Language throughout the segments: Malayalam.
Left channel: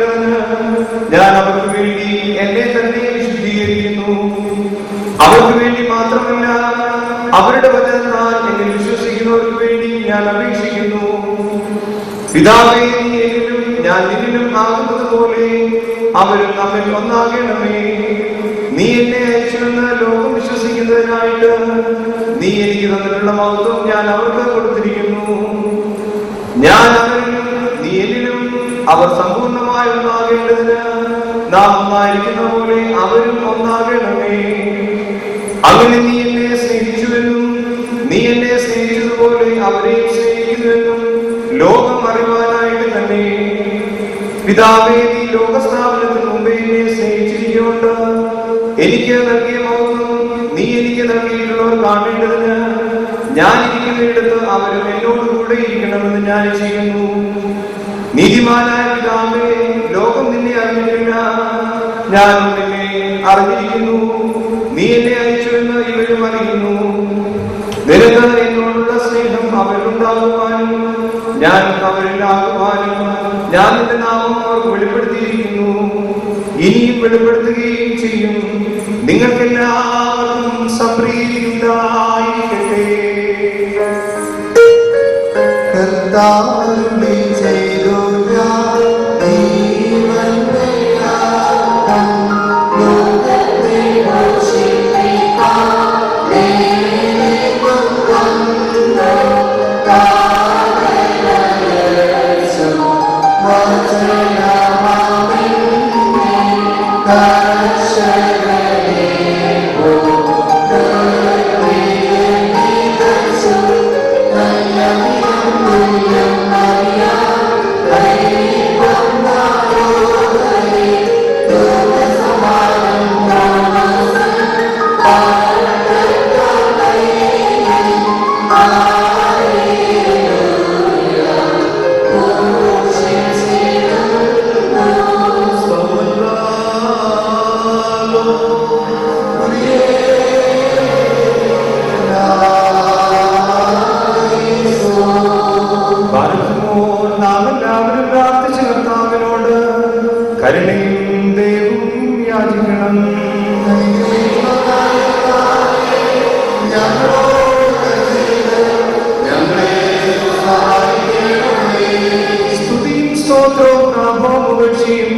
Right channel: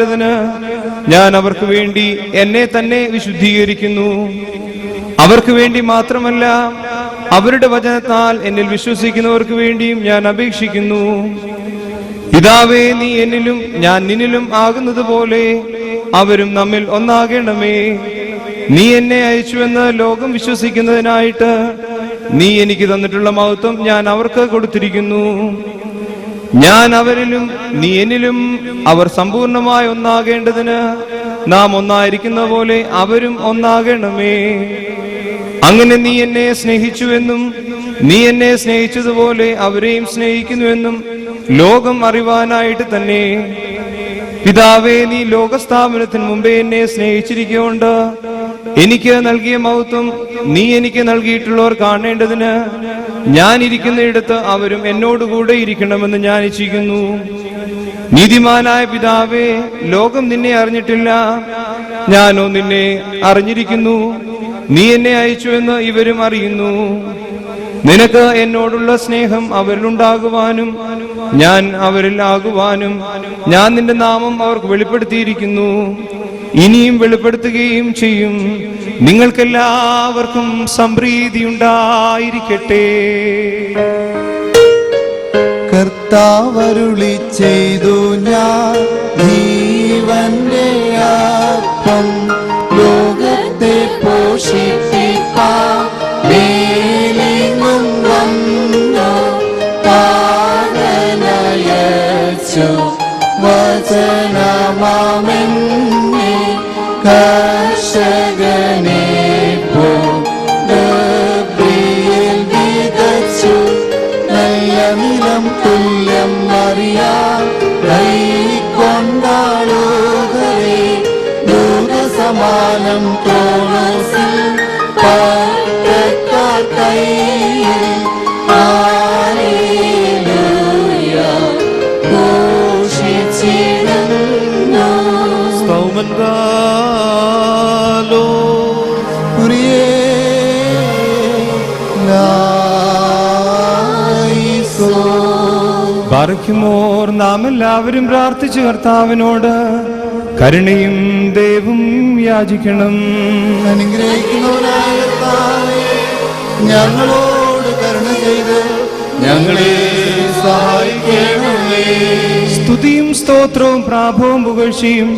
ഉണ്ടാകേണ്ടതിന് ഞാൻ അവർക്ക് വേണ്ടി എന്നെ തന്നെ വിശുദ്ധീകരിക്കുന്നു. അവർക്ക് വേണ്ടി മാത്രമല്ല, അവരുടെ വചനത്താൽ എന്നിൽ വിശ്വസിക്കുന്നവർക്ക് വേണ്ടിയും ഞാൻ അപേക്ഷിക്കുന്നു. പിതാവേ, നീ എന്നിലും ഞാൻ നിന്നിലും ആകുന്നത് പോലെ അവരും നമ്മിൽ ഒന്നാകണമേ. നീ എന്നെ അയച്ചുവെന്ന് ലോകം വിശ്വസിക്കുന്നതിനായിട്ട് നീ എനിക്ക് തന്നിട്ടുള്ള മഹത്വം ഞാൻ അവർക്ക് കൊടുത്തിരിക്കുന്നു. ഞാൻ അവരിലും നീ എന്നിലും അവർ സമ്പൂർണമായി ഒന്നാകേണ്ടതിന് നാം ഒന്നായിരിക്കുന്ന പോലെ അവരും ഒന്നാകണമേ. അങ്ങനെ നീ എന്നെ സ്നേഹിച്ചുവെന്നും നീ എന്നെ സ്നേഹിച്ചതുപോലെ അവരെയും സ്നേഹിക്കുന്നുവെന്നും ലോകം അറിവാനായിട്ട് തന്നെ. പിതാവേ, നീ ലോകസ്ഥാപനത്തിന് മുമ്പേ എന്നെ സ്നേഹിച്ചിരിക്കൊണ്ട് എനിക്ക് നൽകിയ മഹത്വം നീ എനിക്ക് നൽകിയിട്ടുള്ളവർ കാണേണ്ടതിന് ഞാൻ ഇരിക്കുന്നിടത്ത് അവരും എന്നോടുകൂടെ ഇരിക്കണമെന്ന് ഞാൻ ഇച്ഛിക്കുന്നു. നീതിമാനായ പിതാവേ, ലോകം നിന്നെ അറിഞ്ഞിട്ടില്ല, ഞാനും നിന്നെ അറിഞ്ഞിരിക്കുന്നു. നീ എന്നെ അയച്ചുവെന്ന് ഇവരും അറിയുന്നു. നിനക്ക് എന്നോടുള്ള സ്നേഹം അവരിലുണ്ടാകുവാനും ഞാൻ അവരിൽ ആകുവാനും ഞാൻ നിന്റെ നാമം അവർക്ക് വെളിപ്പെടുത്തിയിരിക്കുന്നു, ഇനിയും വെളിപ്പെടുത്തുകയും ചെയ്യും. നിങ്ങൾക്കെല്ലാവർക്കും സംപ്രീതി ഉണ്ടായിരിക്കട്ടെ. കർത്താവരുളി ചെയ്തു ഞാൻ ലോകത്തെ പോഷിപ്പിക്കാൻ മേലിന്നും വന്നു താരനയച്ചു വചനമാമെന്നെ കർഷകനെ വിതച്ചു നല്ല നിലം തുല്യം അറിയാൻ നാം എല്ലാവരും പ്രാർത്ഥിച്ചു കർത്താവിനോട് കരുണയും ദയവും യാചിക്കണം. ഞങ്ങളെ സഹായിക്കണമേ. സ്തുതിയും സ്തോത്രവും പ്രാഭവവും പുകഴ്ചയും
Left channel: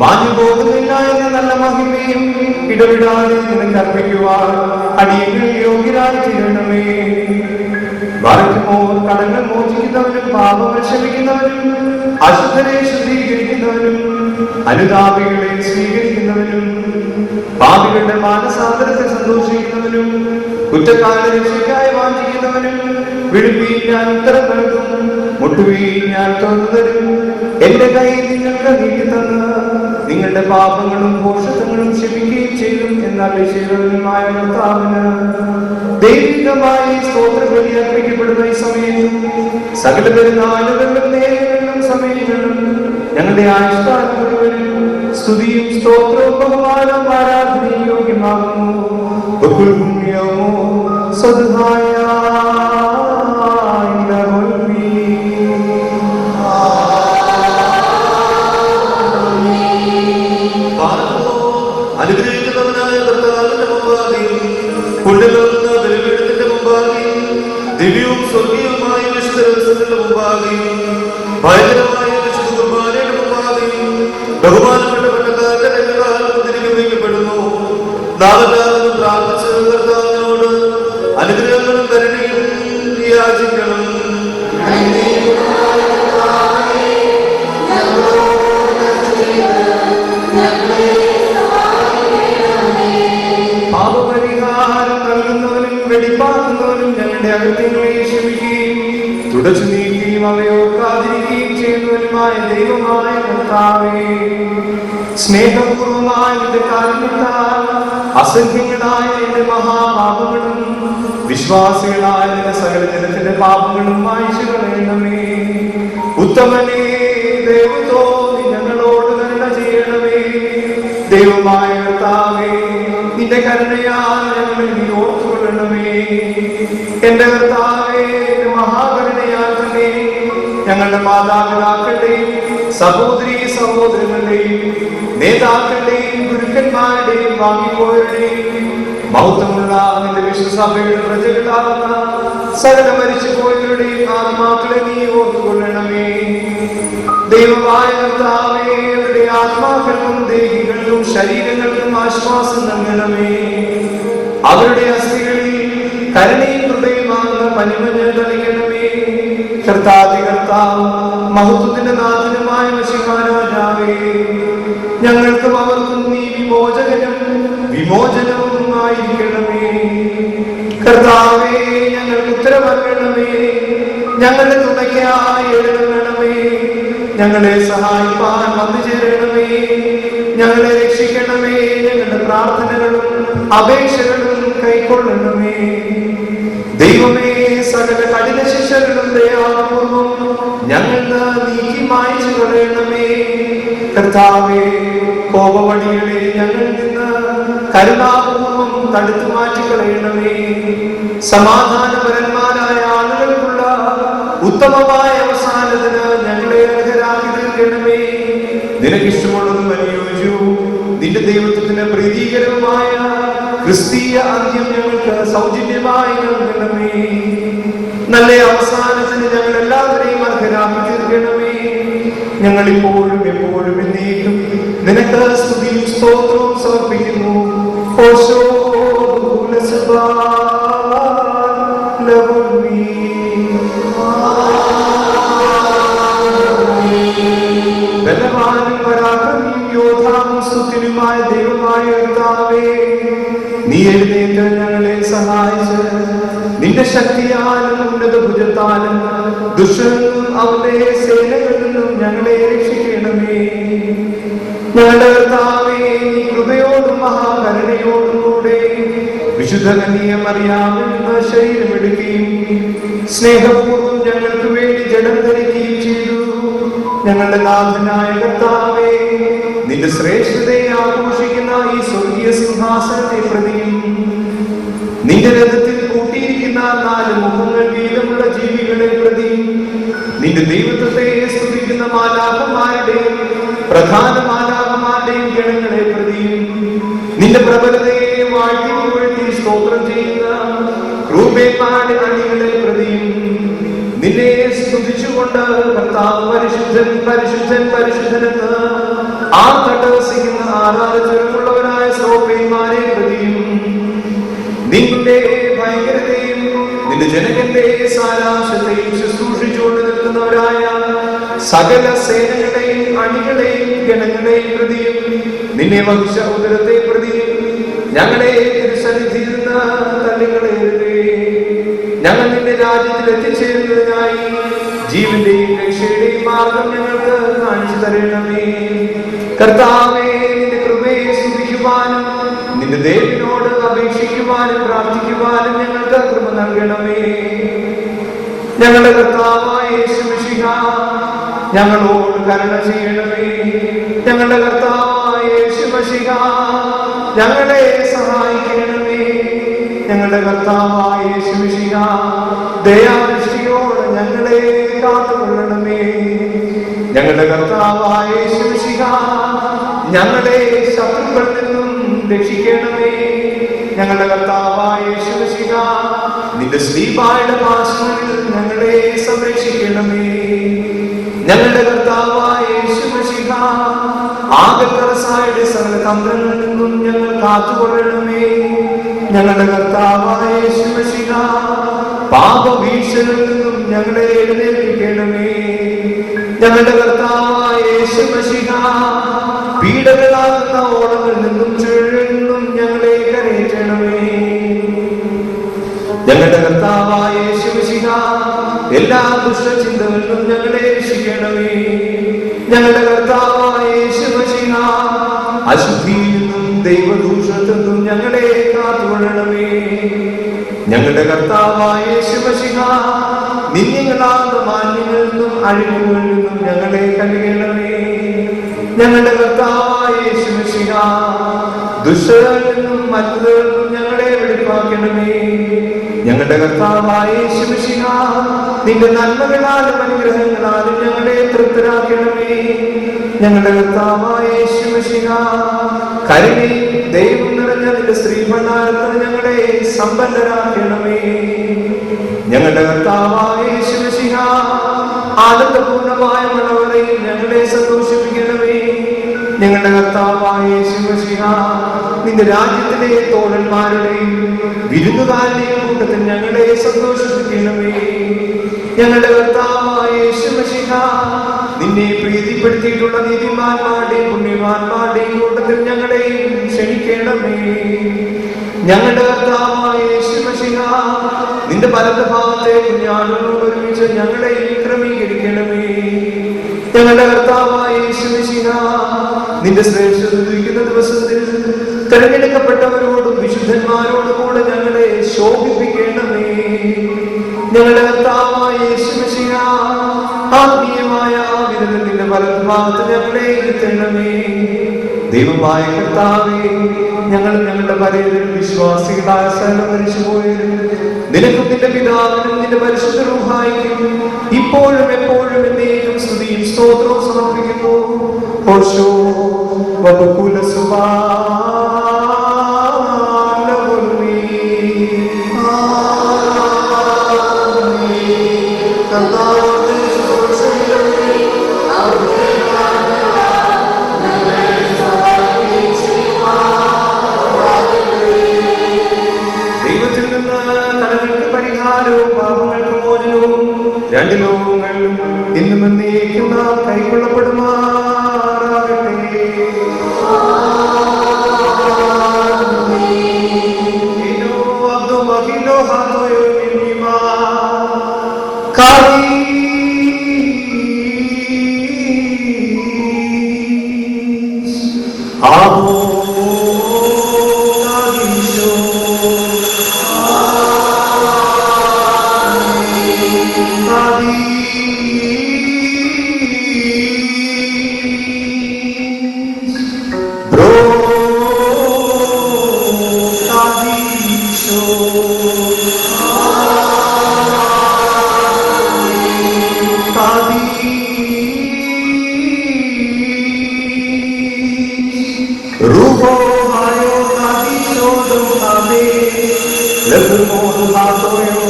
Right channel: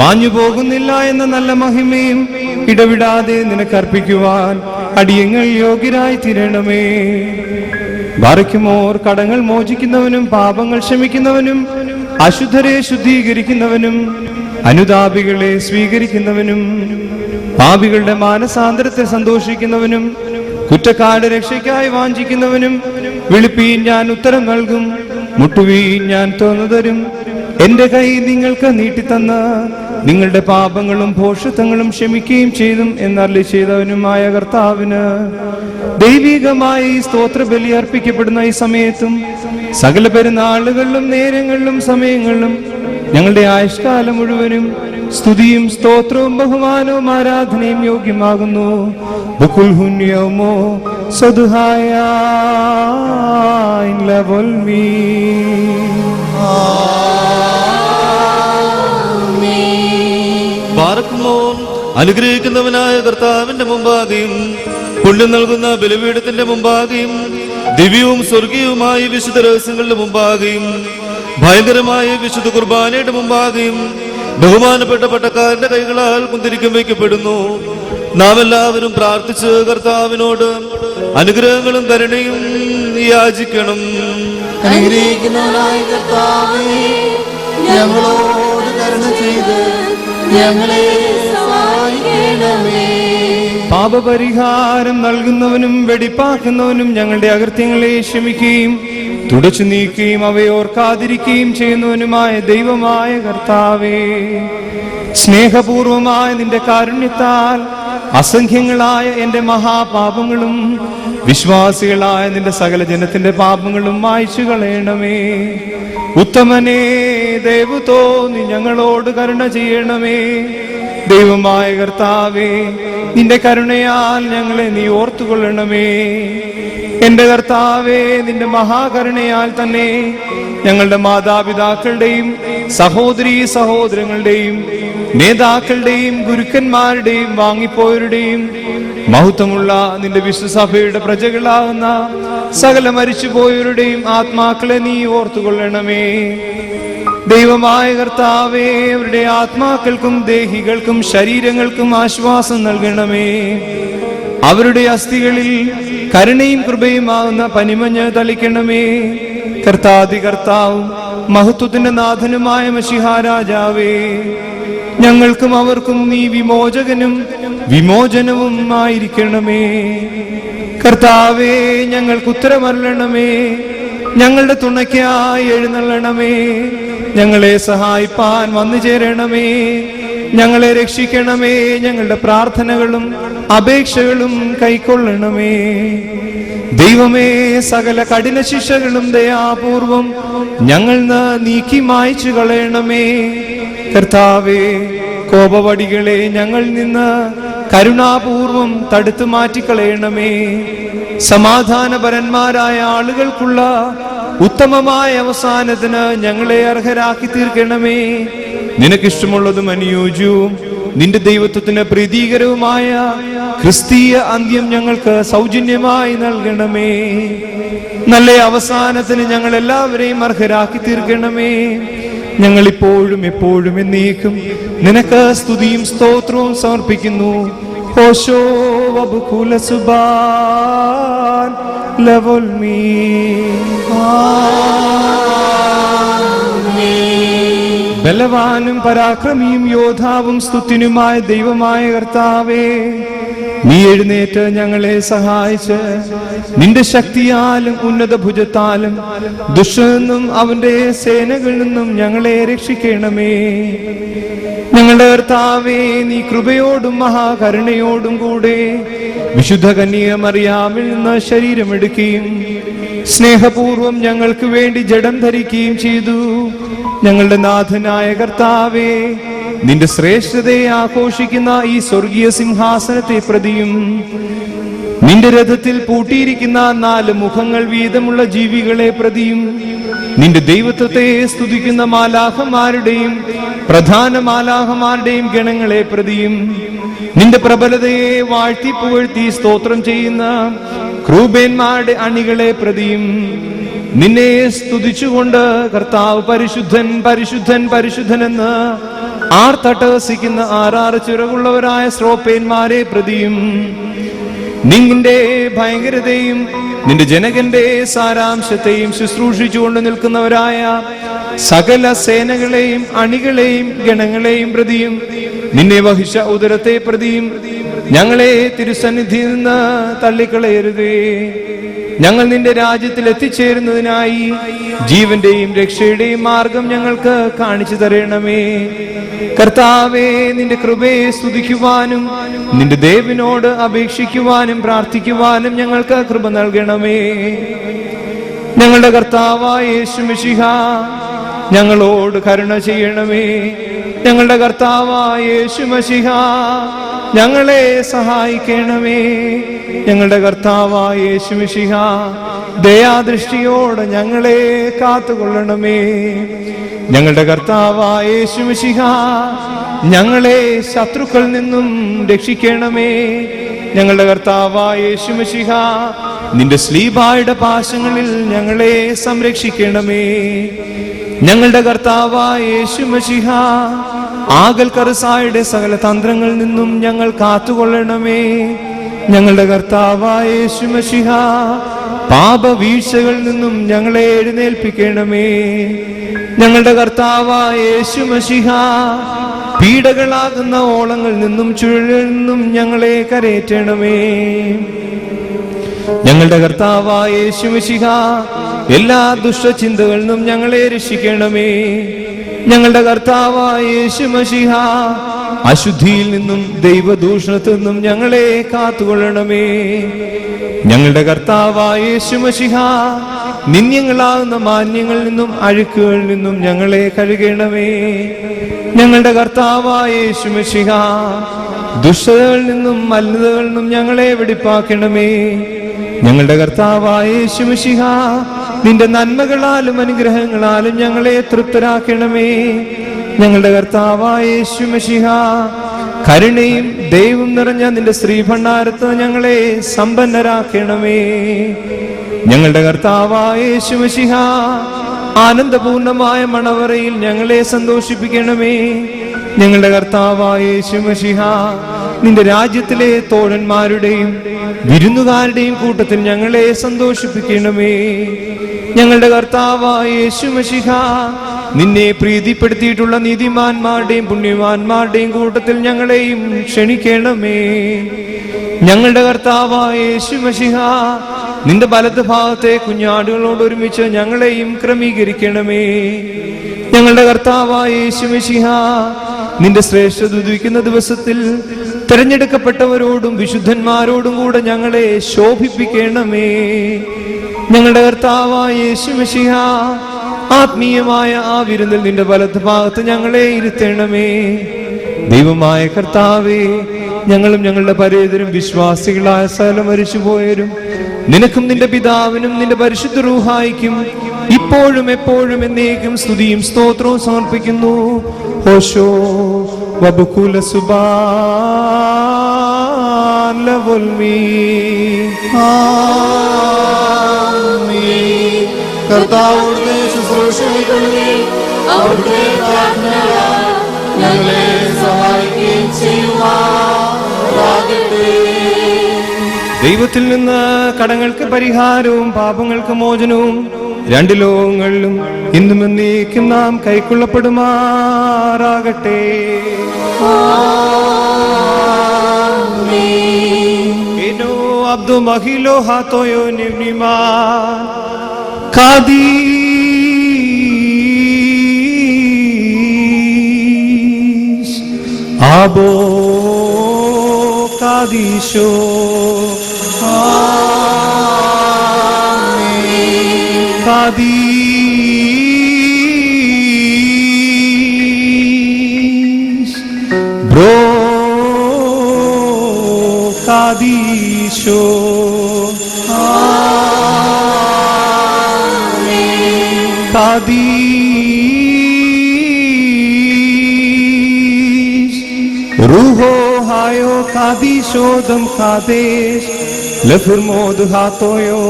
മാഞ്ഞു പോകുന്നില്ല എന്ന നല്ല മഹിമയും ഇടവിടാതെ നിനക്ക് അർപ്പിക്കുവാൻ അടിയങ്ങൾ യോഗ്യരായി തീരണമേ. ബാറയ്ക്കുമോർ കടങ്ങൾ മോചിക്കുന്നവനും പാപങ്ങൾ ക്ഷമിക്കുന്നവനും അശുദ്ധരെ ശുദ്ധീകരിക്കുന്നവനും അനുതാപികളെ സ്വീകരിക്കുന്നവനും പാപികളുടെ മാനസാന്തരത്തെ സന്തോഷിക്കുന്നവനും കുറ്റക്കാരുടെ രക്ഷയ്ക്കായി വാഞ്ചിക്കുന്നവനും വിളിപ്പീൻ ഞാൻ ഉത്തരം നൽകും, മുട്ടുവീൻ ഞാൻ തോന്നു തരും. എന്റെ കൈ നിങ്ങൾക്ക് നീട്ടിത്തന്ന് നിങ്ങളുടെ പാപങ്ങളും ഭോഷത്വങ്ങളും ക്ഷമിക്കുകയും ചെയ്തു എന്നല്ലേ ചെയ്തവനുമായ കർത്താവിന് ദൈവികമായി സ്തോത്രബലി അർപ്പിക്കപ്പെടുന്ന ഈ സമയത്തും സകല പെരുന്നാളുകളിലും നേരങ്ങളിലും സമയങ്ങളിലും ഞങ്ങളുടെ ആയുഷ്കാലം മുഴുവനും സ്തുതിയും സ്തോത്രവും ബഹുമാനവും ആരാധനയും യോഗ്യമാകുന്നു. അനുഗ്രഹിക്കുന്നവനായ കർത്താവിന്റെ മുമ്പാകെയും പുണ്യം നൽകുന്ന ബലിപീഠത്തിന്റെ മുമ്പാകെയും ദിവ്യവും സ്വർഗീയവുമായ വിശുദ്ധ രഹസ്യങ്ങളുടെ മുമ്പാകെയും ഭയങ്കരമായ വിശുദ്ധ കുർബാനയുടെ മുമ്പാകെയും ബഹുമാനപ്പെട്ട പട്ടക്കാരന്റെ കൈകളാൽ കുന്തിരിക്കം വയ്ക്കപ്പെടുന്നു. നാം എല്ലാവരും പ്രാർത്ഥിച്ച് കർത്താവിനോട് അനുഗ്രഹങ്ങളും കരുണയും യാചിക്കണം. പാപപരിഹാരം നൽകുന്നവനും വെടിപ്പാക്കുന്നവനും ഞങ്ങളുടെ അകൃത്യങ്ങളെ ക്ഷമിക്കുകയും തുടച്ചു നീക്കുകയും അവയോർക്കാതിരിക്കുകയും ചെയ്യുന്നവനുമായ ദൈവമായ കർത്താവേ, സ്നേഹപൂർവമായ നിന്റെ കാരുണ്യത്താൽ അസംഖ്യങ്ങളായ എന്റെ മഹാപാപങ്ങളും വിശ്വാസികളായ നിന്റെ സകല ജനത്തിന്റെ പാപങ്ങളും മായ്ച്ചു കളയണമേ. ഉത്തമനേ, ദൈവത്തോ നീ ഞങ്ങളോട് കരുണ ചെയ്യണമേ. ദൈവമായ കർത്താവേ, നിന്റെ കരുണയാൽ ഞങ്ങളെ നീ ഓർത്തുകൊള്ളണമേ. എന്റെ കർത്താവേ, നിന്റെ മഹാകരുണയാൽ തന്നെ ഞങ്ങളുടെ മാതാപിതാക്കളുടെയും സഹോദരീ സഹോദരങ്ങളുടെയും നേതാക്കളുടെയും ഗുരുക്കന്മാരുടെയും വാങ്ങിപ്പോയവരുടെയും മഹത്വമുള്ള നിന്റെ വിശ്വസഭയുടെ പ്രജകളാവുന്ന സകല മരിച്ചുപോയവരുടെയും ആത്മാക്കളെ നീ ഓർത്തുകൊള്ളണമേ. ദൈവമായ കർത്താവേ, അവരുടെ ആത്മാക്കൾക്കും ദേഹികൾക്കും ശരീരങ്ങൾക്കും ആശ്വാസം നൽകണമേ. അവരുടെ അസ്ഥികളിൽ കരുണയും കൃപയുമാകുന്ന പനിമഞ്ഞ് തളിക്കണമേ. കർത്താവ് മഹത്വത്തിന്റെ നാഥനുമായ മിശിഹാ രാജാവേ, ഞങ്ങൾക്കും അവർക്കും നീ വിമോചകനും വിമോചനവും ആയിരിക്കണമേ. കർത്താവേ, ഞങ്ങൾക്ക് ഉത്തരമരണമേ. ഞങ്ങളുടെ തുണയ്ക്കായി എഴുന്നള്ളണമേ. ഞങ്ങളെ സഹായിപ്പാൻ വന്നു ചേരണമേ. ഞങ്ങളെ രക്ഷിക്കണമേ. ഞങ്ങളുടെ പ്രാർത്ഥനകളും അപേക്ഷകളും കൈക്കൊള്ളണമേ. ദൈവമേ, സകല കഠിന ശിക്ഷകളും ദയാപൂർവം ഞങ്ങൾ നീക്കി മായ്ച്ചു കളയണമേ. കർത്താവേ, കോപവടികളെ ഞങ്ങളിൽ നിന്ന് കരുണാപൂർവം തടുത്തു മാറ്റിക്കളയണമേ. സമാധാനപരന്മാരായ ആളുകൾക്കുള്ള ഉത്തമമായ അവസാനത്തിന് ഞങ്ങളെ അർഹരാക്കി തീർക്കണമേ. നിനക്കിഷ്ടമുള്ളതും അനുയോജ്യവും നിന്റെ ദൈവത്വത്തിന് പ്രീതികരവുമായ ക്രിസ്തീയ അന്ത്യം ഞങ്ങൾക്ക് സൗജന്യമായി നൽകണമേ. നല്ല അവസാനത്തിന് ഞങ്ങൾ എല്ലാവരെയും അർഹരാക്കി തീർക്കണമേ. ഞങ്ങൾ ഇപ്പോഴും എപ്പോഴും എന്നേക്കും നിനക്ക് സ്തുതിയും സ്തോത്രവും സമർപ്പിക്കുന്നു. ഓശോ അബ്കുല സുബാൻ ലവൽമീ. ബലവാനും പരാക്രമിയും യോദ്ധാവും സ്തുതിനുമായ ദൈവമായ കർത്താവേ, നീ എഴുന്നേറ്റ് ഞങ്ങളെ സഹായിച്ച് നിന്റെ ശക്തിയാലും ഉന്നത ഭുജത്താലും ദുഷ്ടനെന്നും അവന്റെ സേനകളിൽ നിന്നും ഞങ്ങളെ രക്ഷിക്കണമേ. ഞങ്ങളുടെ കർത്താവേ, നീ കൃപയോടും മഹാകരുണയോടും കൂടെ വിശുദ്ധ കന്യക മറിയാമിൽ നിന്ന് ശരീരമെടുക്കുകയും സ്നേഹപൂർവം ഞങ്ങൾക്ക് വേണ്ടി ജഡം ധരിക്കുകയും ചെയ്തു. ഞങ്ങളുടെ നാഥനായ കർത്താവേ, നിന്റെ ശ്രേഷ്ഠതയെ ആഘോഷിക്കുന്ന ഈ സ്വർഗീയ സിംഹാസനത്തെ പ്രതിയും നിന്റെ രഥത്തിൽ പൂട്ടിയിരിക്കുന്ന 4 മുഖങ്ങൾ വീതമുള്ള ജീവികളെ പ്രതിയും നിന്റെ ദൈവത്വത്തെ സ്തുതിക്കുന്ന മാലാഖമാരുടെയും പ്രധാന മാലാഖമാരുടെയും ഗണങ്ങളെ പ്രതിയും നിന്റെ പ്രബലതയെ വാഴ്ത്തി പുകഴ്ത്തി സ്തോത്രം ചെയ്യുന്ന ക്രൂബേന്മാരുടെ അണികളെ പ്രതിയും നിന്നെ സ്തുതിച്ചുകൊണ്ട് കർത്താവ് പരിശുദ്ധൻ പരിശുദ്ധൻ പരിശുദ്ധൻ എന്ന് ആർത്തട്ടഹസിക്കുന്ന 6 ചിറകുള്ളവരായ ശ്രോപ്പേന്മാരെ പ്രതിയും നിന്റെ ഭയങ്കരതയും നിന്റെ ജനകന്റെ സാരാംശത്തെയും ശുശ്രൂഷിച്ചുകൊണ്ട് നിൽക്കുന്നവരായ സകല സേനകളെയും അണികളെയും ഗണങ്ങളെയും പ്രതിയും നിന്റെ മഹിഷ ഉദരത്തെ പ്രതിയും ഞങ്ങളെ തിരുസന്നിധിയിൽ നിന്ന് തള്ളിക്കളയരുതേ. ഞങ്ങൾ നിന്റെ രാജ്യത്തിൽ എത്തിച്ചേരുന്നതിനായി ജീവന്റെയും രക്ഷയുടെയും മാർഗം ഞങ്ങൾക്ക് കാണിച്ചു തരണമേ. കർത്താവേ, നിന്റെ കൃപയെ സ്തുതിക്കുവാനും നിന്റെ ദേവനോട് അപേക്ഷിക്കുവാനും പ്രാർത്ഥിക്കുവാനും ഞങ്ങൾക്ക് കൃപ നൽകണമേ. ഞങ്ങളുടെ കർത്താവായ യേശു മിശിഹാ, ഞങ്ങളോട് കരുണ ചെയ്യണമേ. ഞങ്ങളുടെ കർത്താവായ യേശു മിശിഹാ, ഞങ്ങളെ സഹായിക്കണമേ. ഞങ്ങളുടെ കർത്താവായ യേശു മിശിഹാ, ദയാദൃഷ്ടിയോട് ഞങ്ങളെ കാത്തുകൊള്ളണമേ. ഞങ്ങളുടെ കർത്താവായ യേശു മിശിഹാ, ഞങ്ങളെ ശത്രുക്കളിൽ നിന്നും രക്ഷിക്കണമേ. ഞങ്ങളുടെ കർത്താവായ യേശു മിശിഹാ, നിന്റെ സ്ലീബായുടെ പാശങ്ങളിൽ ഞങ്ങളെ സംരക്ഷിക്കണമേ. ഞങ്ങളുടെ കർത്താവായ യേശു മിശിഹാ, ആകൽക്കറസായുടെ സകല തന്ത്രങ്ങളിൽ നിന്നും ഞങ്ങൾ കാത്തുകൊള്ളണമേ. ഞങ്ങളുടെ കർത്താവായ യേശു മിശിഹാ, പാപവീഴ്ചകളിൽ നിന്നും ഞങ്ങളെ എഴുന്നേൽപ്പിക്കണമേ. ഞങ്ങളുടെ കർത്താവായ യേശു മിശിഹാ, പീഡകളാകുന്ന ഓളങ്ങളിൽ നിന്നും ചുഴലിൽ നിന്നും ഞങ്ങളെ കരയേറ്റണമേ. ഞങ്ങളുടെ കർത്താവായ യേശു മിശിഹാ, എല്ലാ ദുഷ്ടചിന്തകളിൽ നിന്നും ഞങ്ങളെ രക്ഷിക്കണമേ. ഞങ്ങളുടെ കർത്താവായ യേശു മിശിഹാ, അശുദ്ധിയിൽ നിന്നും ദൈവദൂഷണത്തിൽ നിന്നും ഞങ്ങളെ കാത്തുകൊള്ളണമേ. ഞങ്ങളുടെ കർത്താവായ യേശു മിശിഹാ, നിന്ദ്യങ്ങളാകുന്ന മാന്യങ്ങളിൽ നിന്നും അഴുക്കുകളിൽ നിന്നും ഞങ്ങളെ കഴുകണമേ. ഞങ്ങളുടെ കർത്താവായ യേശു മിശിഹ, ദുഷ്ടതകളിൽ നിന്നും മലിനതകളിൽ നിന്നും ഞങ്ങളെ വെടിപ്പാക്കണമേ. ഞങ്ങളുടെ കർത്താവായ യേശു മിശിഹ, നിന്റെ നന്മകളാലും അനുഗ്രഹങ്ങളാലും ഞങ്ങളെ തൃപ്തരാക്കണമേ. ഞങ്ങളുടെ കർത്താവായ യേശു മിശിഹ, കരുണയും ദൈവം നിറഞ്ഞ നിന്റെ ശ്രീഭണ്ഡാരത്തോ ഞങ്ങളെ സമ്പന്നരാക്കണമേ. ഞങ്ങളുടെ കർത്താവായ യേശു മിശിഹ, ആനന്ദപൂർണമായ മണവറയിൽ ഞങ്ങളെ സന്തോഷിപ്പിക്കണമേ. ഞങ്ങളുടെ കർത്താവായ യേശു മിശിഹ, നിന്റെ രാജ്യത്തിലെ തോഴന്മാരുടെയും വിരുന്നുകാരുടെയും കൂട്ടത്തിൽ ഞങ്ങളെ സന്തോഷിപ്പിക്കണമേ. ഞങ്ങളുടെ കർത്താവായ യേശു മിശിഹ, നിന്നെ പ്രീതിപ്പെടുത്തിയിട്ടുള്ള നീതിമാന്മാരുടെയും പുണ്യവാന്മാരുടെയും കൂട്ടത്തിൽ ഞങ്ങളെയും ക്ഷണിക്കണമേ. ഞങ്ങളുടെ കർത്താവായ യേശു മിശിഹ, നിന്റെ വലത് ഭാഗത്തെ കുഞ്ഞാടുകളോട് ഒരുമിച്ച് ഞങ്ങളെയും ക്രമീകരിക്കണമേ. ഞങ്ങളുടെ കർത്താവായ യേശു മിശിഹ, നിന്റെ ശ്രേഷ്ഠത ഉദിക്കുന്ന ദിവസത്തിൽ തെരഞ്ഞെടുക്കപ്പെട്ടവരോടും വിശുദ്ധന്മാരോടും കൂടെ ഞങ്ങളെ ശോഭിപ്പിക്കണമേ. ഞങ്ങളുടെ കർത്താവായ യേശു മിശിഹ, ആത്മീയമായ ആ വിരുന്നിൽ നിന്റെ വലത് ഭാഗത്ത് ഞങ്ങളെ ഇരുത്തണമേ. ദൈവമായ കർത്താവേ, ഞങ്ങളും ഞങ്ങളുടെ പരേതരും വിശ്വാസികളായ സകലം മരിച്ചുപോയവരും നിനക്കും നിന്റെ പിതാവിനും നിന്റെ പരിശുദ്ധ റൂഹായിക്കും ഇപ്പോഴും എപ്പോഴും എന്നേക്കും സ്തുതിയും സ്തോത്രവും സമർപ്പിക്കുന്നു. ഓശോ വബുകുല സുബാൻ ലവുൽമീ. കർത്താവിന്റെ ശുശ്രൂഷകളിലെ അവിടുത്തെ പ്രാർത്ഥനകളാൽ ഞങ്ങളെ സഹായിക്കുകയും ചെയ്യുമാറാകട്ടെ. ദൈവത്തിൽ നിന്ന് കടങ്ങൾക്ക് പരിഹാരവും പാപങ്ങൾക്ക് മോചനവും രണ്ട് ലോകങ്ങളിലും ഇന്നും എന്നേക്കും നാം കൈക്കൊള്ളപ്പെടുമാറാകട്ടെ. Abo കാദീശോ Kadis, bro, Kadisho, Kadis, Ruho hayo Kadisho dam Kadis, lefel mod hatoyo.